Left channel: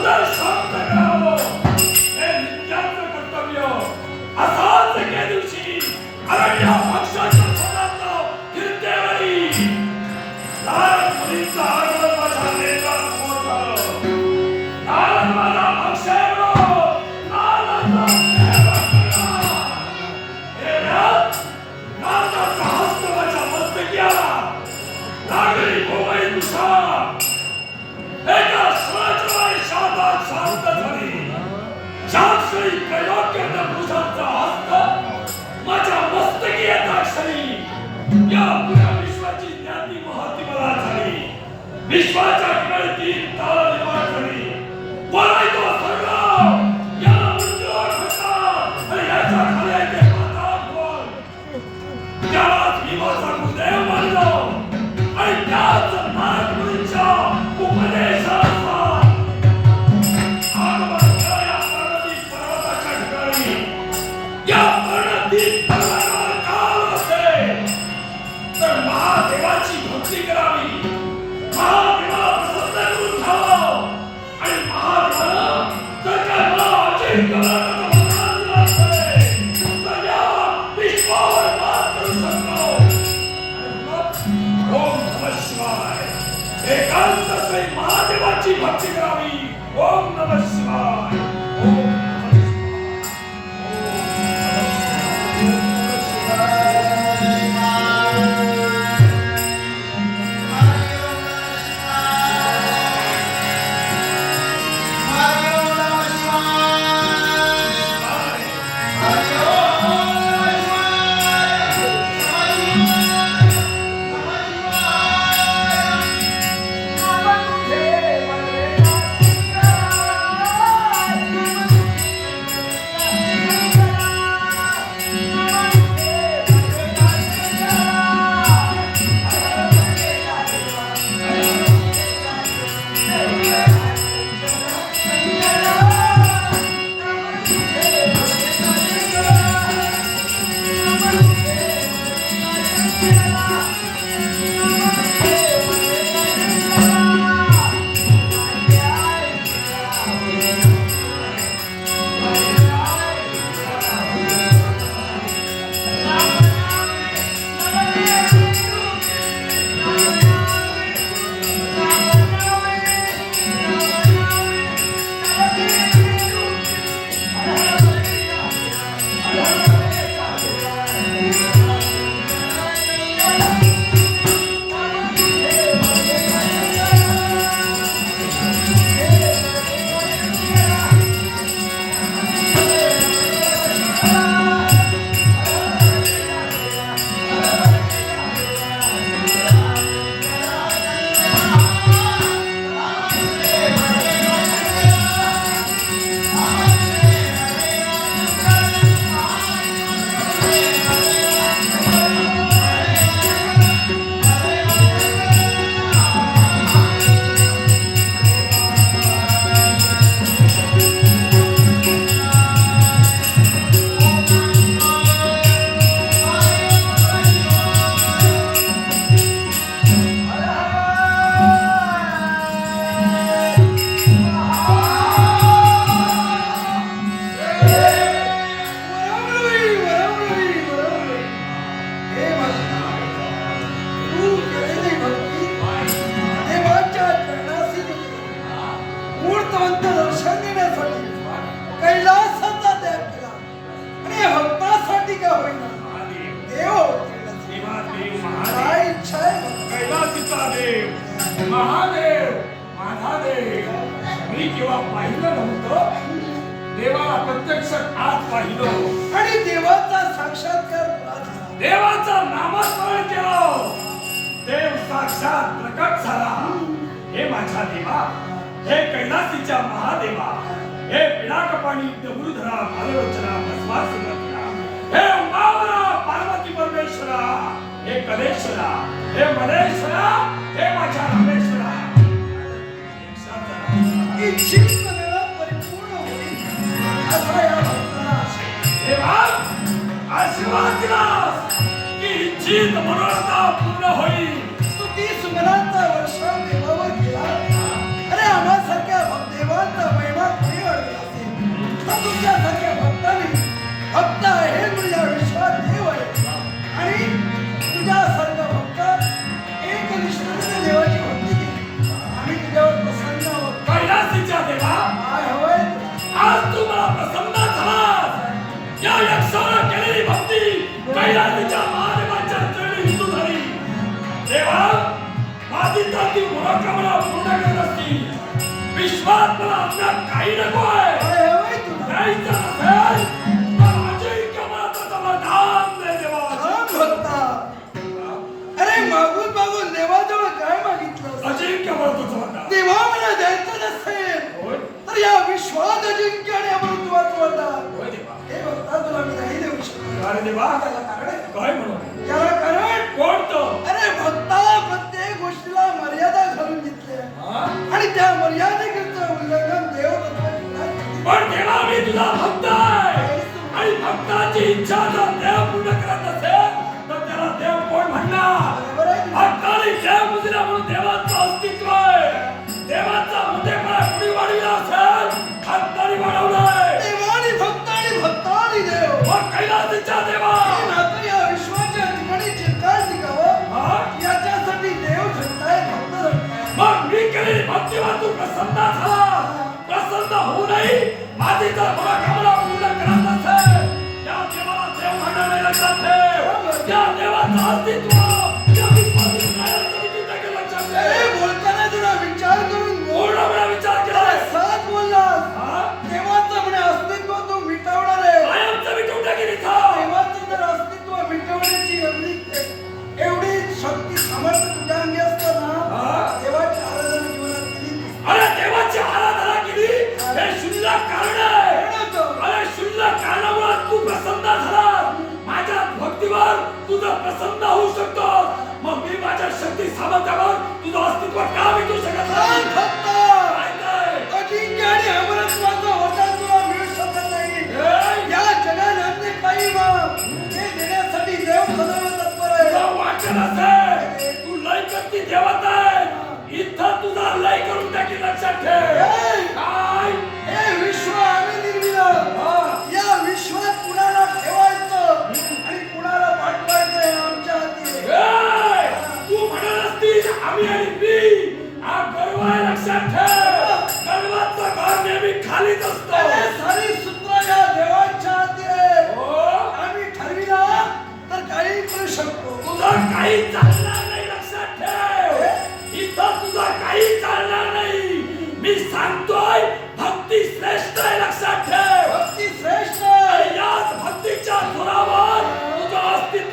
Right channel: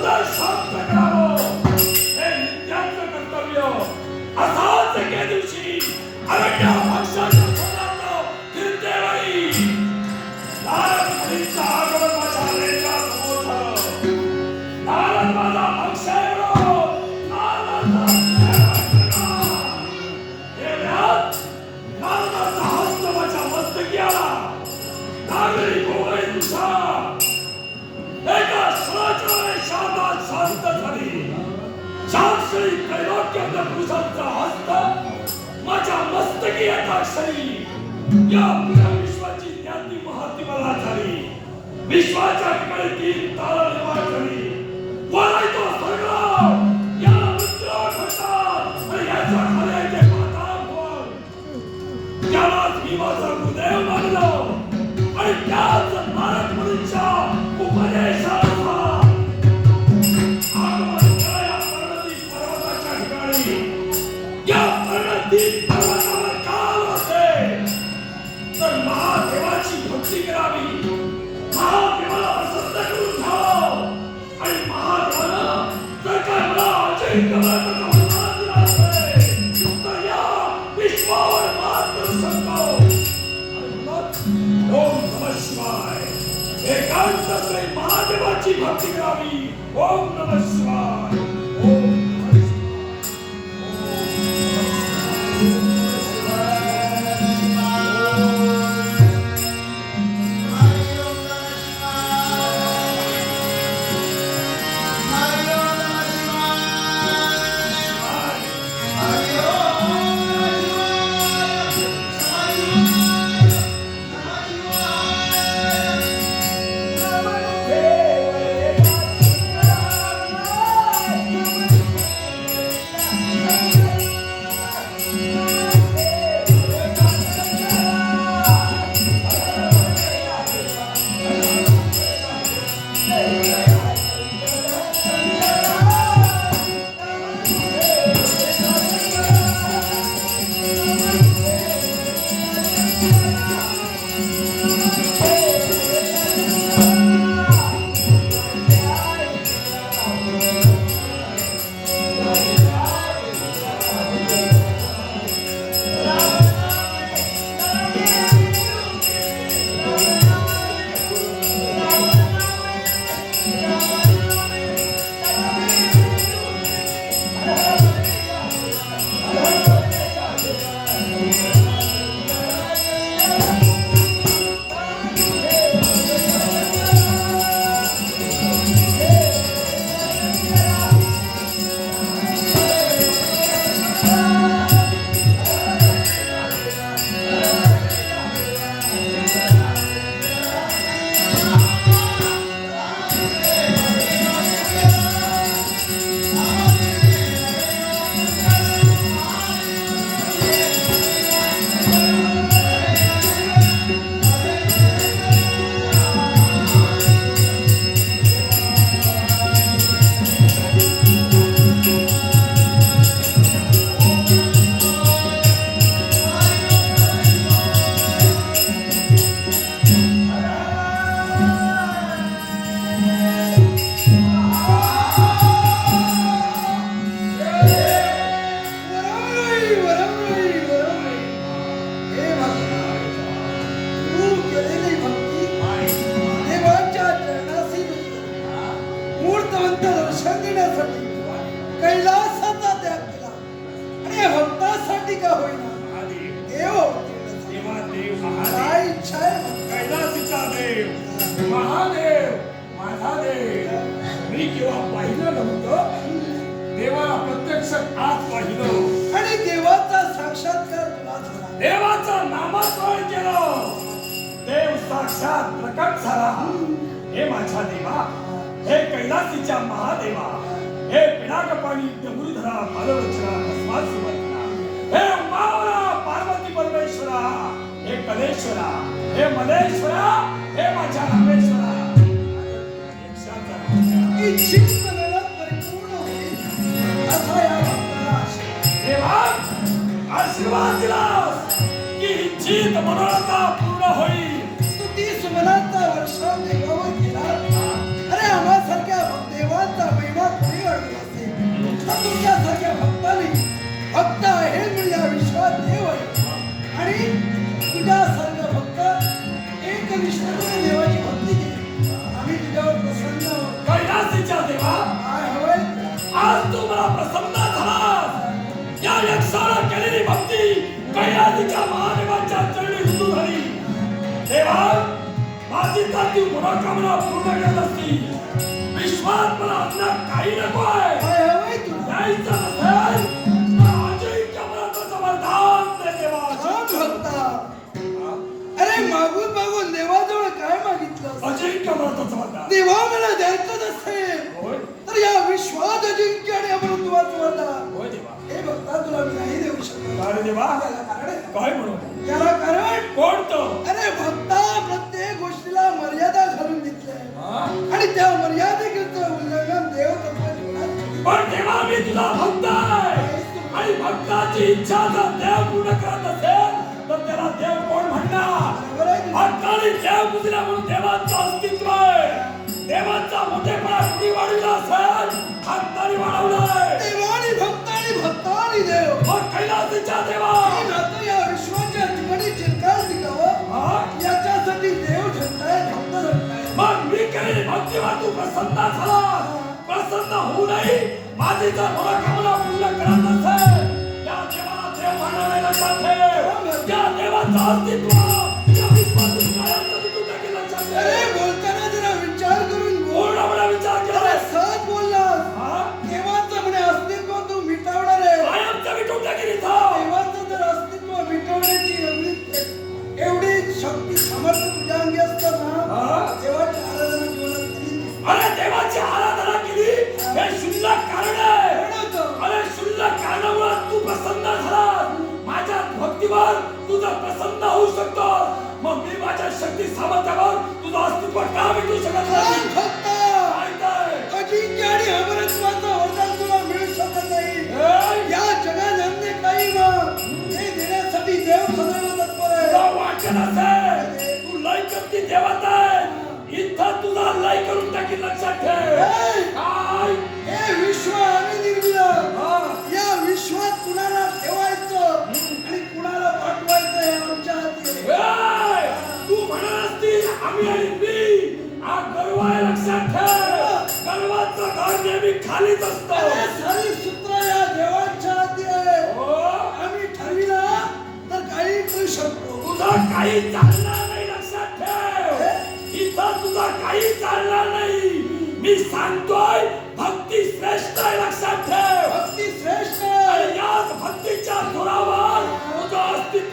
Bruder, Schaut Música अमृतवंत दर्शन देण्यासाठी कैलासाचा त्याग केला. आणि हक्कासाठी का होईना? इच्छा आहे कैलासीचा देव माझा देव मी किंवा पाहिलं नव्हतं देवाला प्रत्यक्ष आज पाहिलं. आणि देवाचा साक्षात्कार तुला झाला. देवाचा नामस्मरण केलं. देव साक्षात प्रकट झाला. हे माझ्या देवा हे कैलासीच्या महादेवा हे पिनाकपाणी डबुरुधरा भालवचना भस्मास सुमंत्रा हे उमावरा पार्वती परमेश्वरा हे कलेश्वरा हे मलेश्वरा हे माझ्या रामेश्वरा. आशीर्वाद दिला की इच्छित मनोरथा तुमच्यासारख्या भक्तांनी भक्त आहे म्हणजे या विश्वात देव आहे. आणि तुझ्यासारखा भक्त एक निष्ठेने देवाची भक्ती केली आम्ही तुझ्यावर प्रसन्न आहोत कैलासीच्या देवा काय हवंय आज तू मला प्रसन्न झालास या यक्षाला केलेली भक्ती कैलासीच्या महादेवाच्या चरणी हिंदू झाली. देवा माझी तर ती मनोकामना पूर्ण करत असती. विश्वात मला अज्ञात काही नको आहे अरे मागून मागून देवाजवळ काय मागितलं? अजिंक्य वरदान देवा मला द्यायचं नसेल तर या विश्वात अजिंक्य आणि अमृतत्वाचं वरदान हे भक्ता तुला मी नाही देऊ शकत. अरे देवा. याला कारण. काय म्हणून? तुझा भक्त आहे आणि भक्ताची इच्छा जर देव पूर्ण करत असेल तर त्याला देव कोण म्हणणार? भक्ताने देव बुजला म्हणून देवाचं अस्तित्व आहे. देवाचा मोठेपणा कुणी वाढविला असेल? भक्ताने वाढवलाय. देवानी भक्त आणि भक्तानी देव. मग कैलासीच्या देवा. नातं या विश्वाच्या ठिकाणी चिरकाल टिकावं? याच्यासाठी देव झटताय भक्त झटताय मग मी केली भक्तीवर तू प्रसन्न झाला प्रसन्न होऊ नाही माझी जर मनोकामना पूर्ण करत नसेल त्या देवाला देव म्हणणं नाही लक्षात ठेव त्या देवाचं अस्तित्व त्या विश्वासी कायमचं मी तुझ्या लक्षात अरे ठेव बोलताना जरा विचार करून बोल पूर्णपणे विचार केला अरे साथ बोललास? देवाचं म्हणे अस्तित्व तू मिटवणार आहे कायमचं. देवाचं जर अस्तित्व मिटवण्याची एवढी एवढी शक्ती सामर्थ्य तुझ्या अंगी असताना हा? देवाची आराधना जीवनात केली. अरे देवाची आराधना हे शुल्लक कारण! आहे कारण होतं. अरे शुल्लक कारणामुळे तू प्रसन्न झाला माझ्या भक्तीवर तुझं प्रसन्न होऊ शकतो मग मी माझ्या शक्ती सामर्थ्यावर तुझं अस्तित्व का विकू शकत नाही? फक्त? अजिंक्य आणि अमरत्वाचं वरदान तुला मिळू शकत नाही? या जगात अन्य काही मग हे देण्यासाठी देव सदैव तत्पर आहे. वाचन असेल? तू लय करती देवत इथं तुझा लय करून टाकी लक्षात ठेव? काय हे विश्व आम्ही निर्मिलं हा. या विश्वात कुणाला ठेवायचं आणि कुणाला पाठवायचं हे आमच्या हाती तू म्हणत असती आम्ही आणि मी. हा गर्व आहे लक्षात ठेव. गर्वाचं घर नेहमी खालीच असतो. सारी सूत्र या देवाच्या हाती आहे. हो, आम्ही ठरविला तर काही करू शकतो. तुझं काही चालणार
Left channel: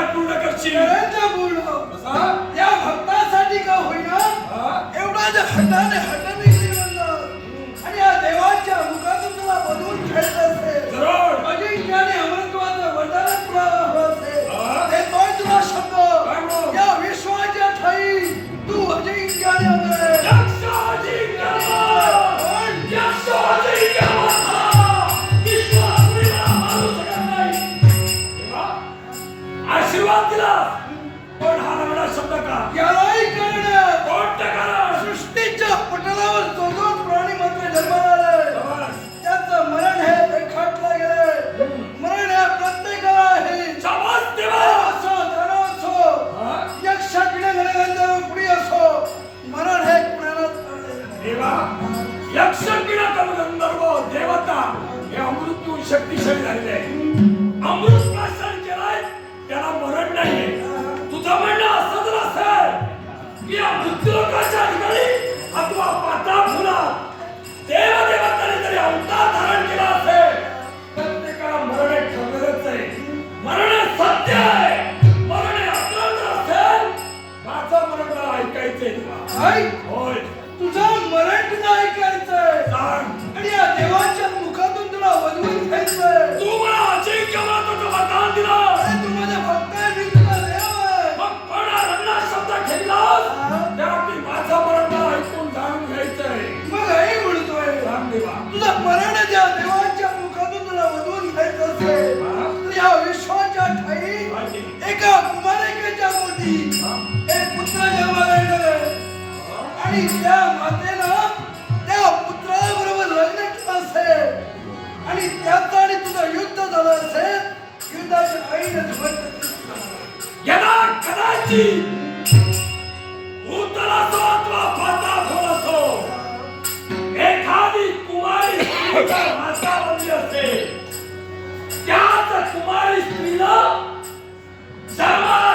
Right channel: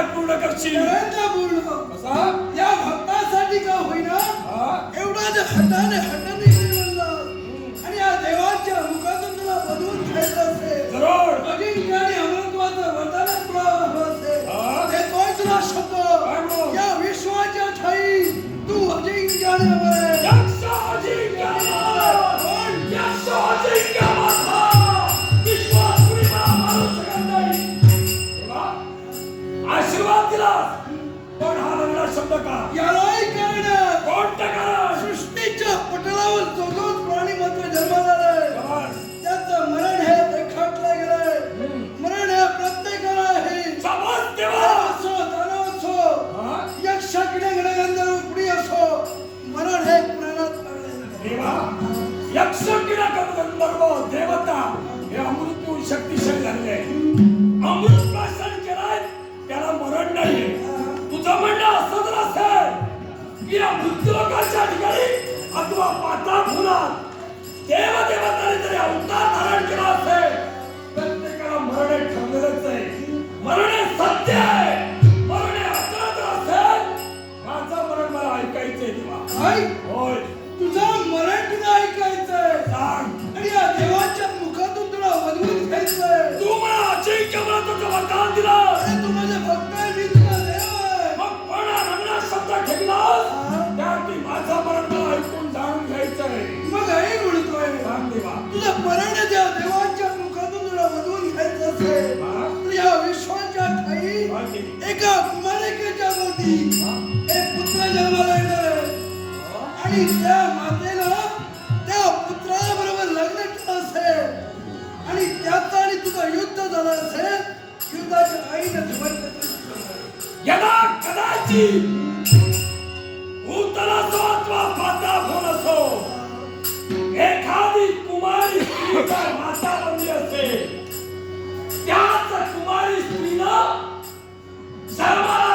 पाठ पूर्ण करशील. पूर्ण या भक्तासाठी का होईना? एवढा हटाने हट मिशन झालेली आहे अमृत प्राशन केलाय त्याला मरण नाहीये तुझं म्हणणं असं तर असेल की मृत्यूलोकाच्या ठिकाणी अथवा पाता फुलात देव देवताने जरी अवतार धारण केला असेल प्रत्येकाला मरण हे ठरलेलंच आहे मरण हे सत्य आहे मरण हे। असलं तर असेल माझं मरण मला ऐकायचंय तुला होय। तुझं मरण तुला ऐकायचंय आणि या देवाच्या तू मला अजिंक्य मला वरदान दिलं मग पण रंगणार शब्द ठेवला त्यात माझा मरण ऐकून जाणून घ्यायचंय. मग हे म्हणतोय. रामदेवा तुझा मरण या विश्वाच्या ठाई एका मालिकेच्या मोठी एक पुत्र जन्माला येणार आणि त्या माते ಸದಸ್ಯ ಯುದ್ಧದ ಐದು ಯದಾ ಕದಾಚಿ भूतलासो अथवा पाताफोल असो एखादी कुमारी स्त्रीला माता बनली असते त्याच कुमारी स्त्रीला सर्वांना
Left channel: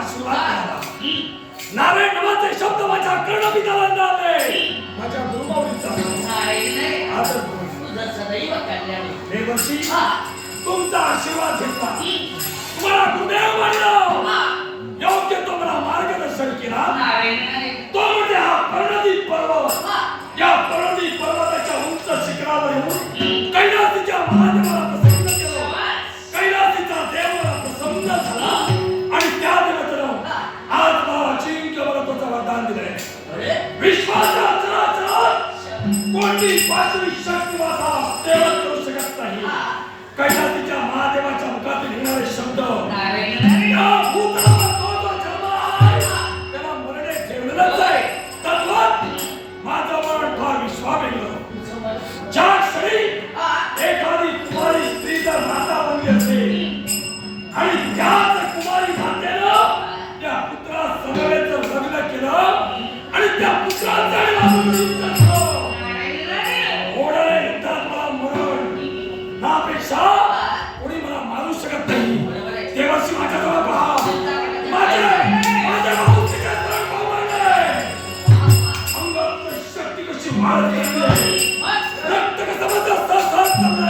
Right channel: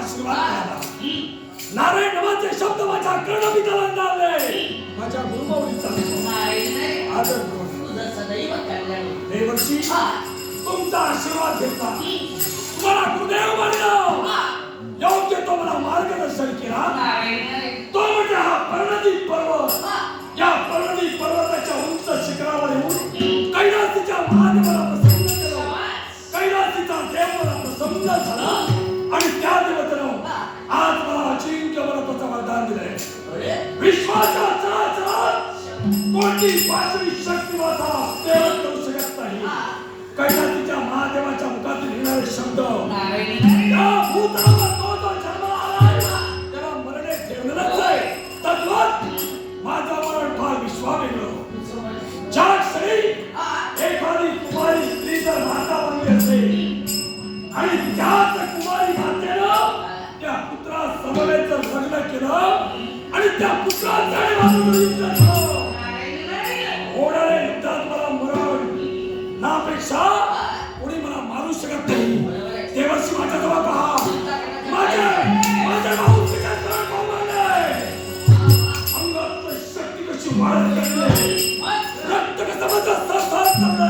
आशीर्वाद मिळाला नारायण शब्द माझ्या कर्णपिताला लागले माझ्या गुरुबाऊंचा नाही, नाही. आदर. देवर्षी. तुमचा आशीर्वाद घेतला तुम्हाला गुरुदेव मानलं. योग्य तो मला मार्गदर्शन केला. तो म्हणजे हा पर्वत. या पर्णदीप पर्वताच्या उंच शिखरावर येऊन कैलासीच्या कोणती पाचवी शक्ती माझा सेवन करू शकत नाही कैलासीच्या महादेवाच्या मुखातून येणारे शब्द तो जो आलाय, त्याला मरणे ठेवलेलंच आहे. तद्वत माझं मरण फार विश्वामित्र. तुझं मन- ज्या क्षणी. एखादी कुमारी स्त्री जर माता बनली असेल आणि त्याच कुमारी मातेनं त्या पुत्रा समवेत जर लग्न केलं आणि त्या पुत्राचं Somebody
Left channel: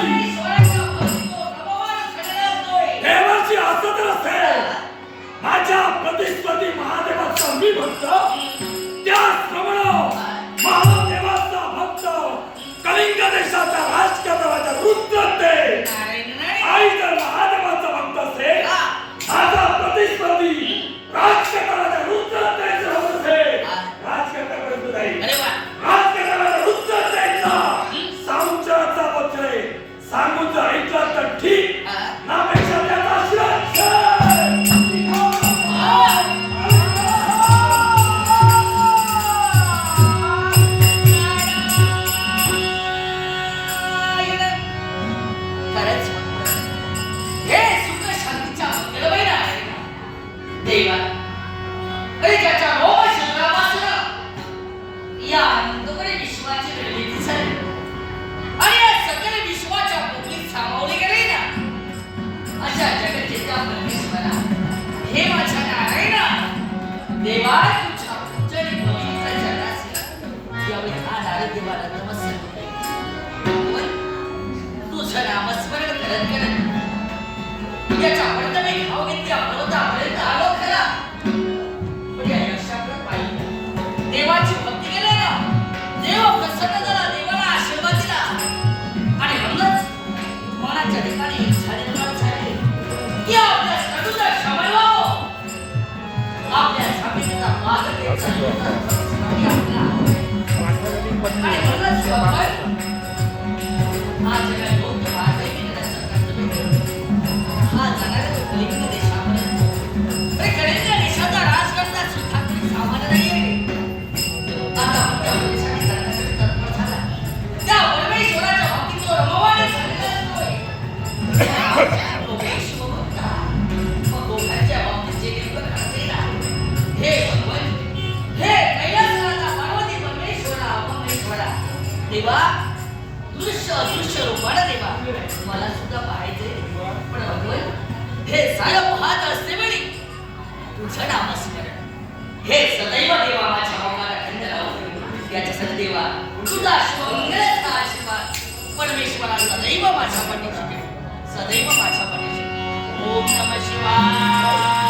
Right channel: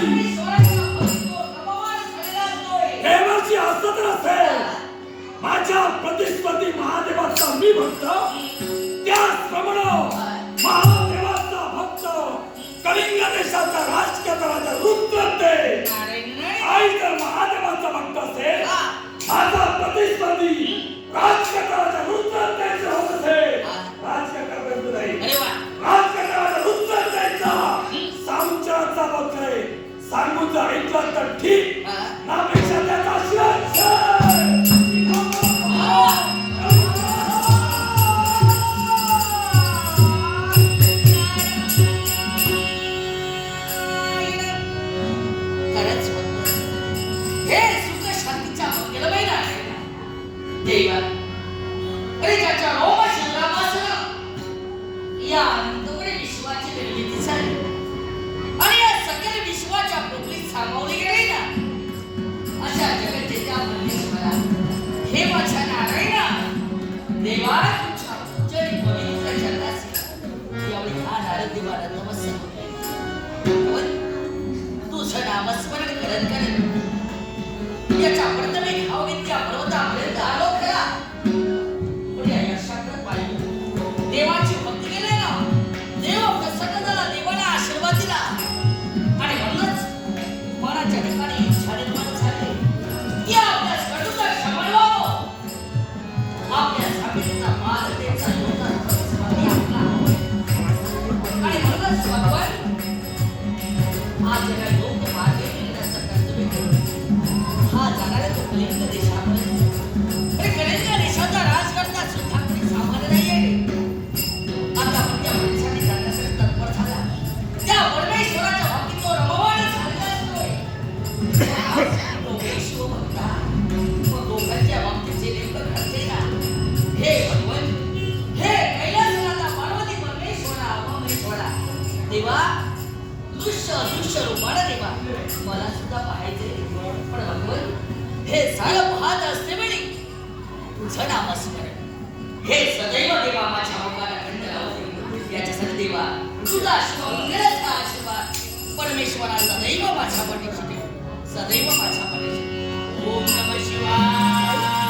प्रतिस्पर्धी महादेवाचा मी भक्त त्याचप्रमाणे महादेवाचा भक्त कलिंग देशाचा राजकर्ता रुद्र ते नाही, नाही. आई जर महादेवाचा भक्त असेल माझा प्रतिस्पर्धी राजकर्ता रुद्र त्याचं होत असेल राजकर्त्यापर्यंत नाही अरे वा. राजकर्त्याला रुद्र द्यायचा सामुचाराचा आहे सांगून जर ऐकलं तर ठीक हा. नापेक्षा त्याचा शिरच्छेद. खरंच हे सुख शांतीच्या मंगलमय आहे. देवा अरे त्याच्या रोग Thank you. नामस्मरण. हे सदैव देवा माझ्या मोकाला खंड लावून याच्यासाठी देवा तुझा मंगळच हा आशीर्वाद. परमेश्वरा सदैव माझ्या पाठीशी सदैव माझ्या पाठीशी ओम नम शिवाय.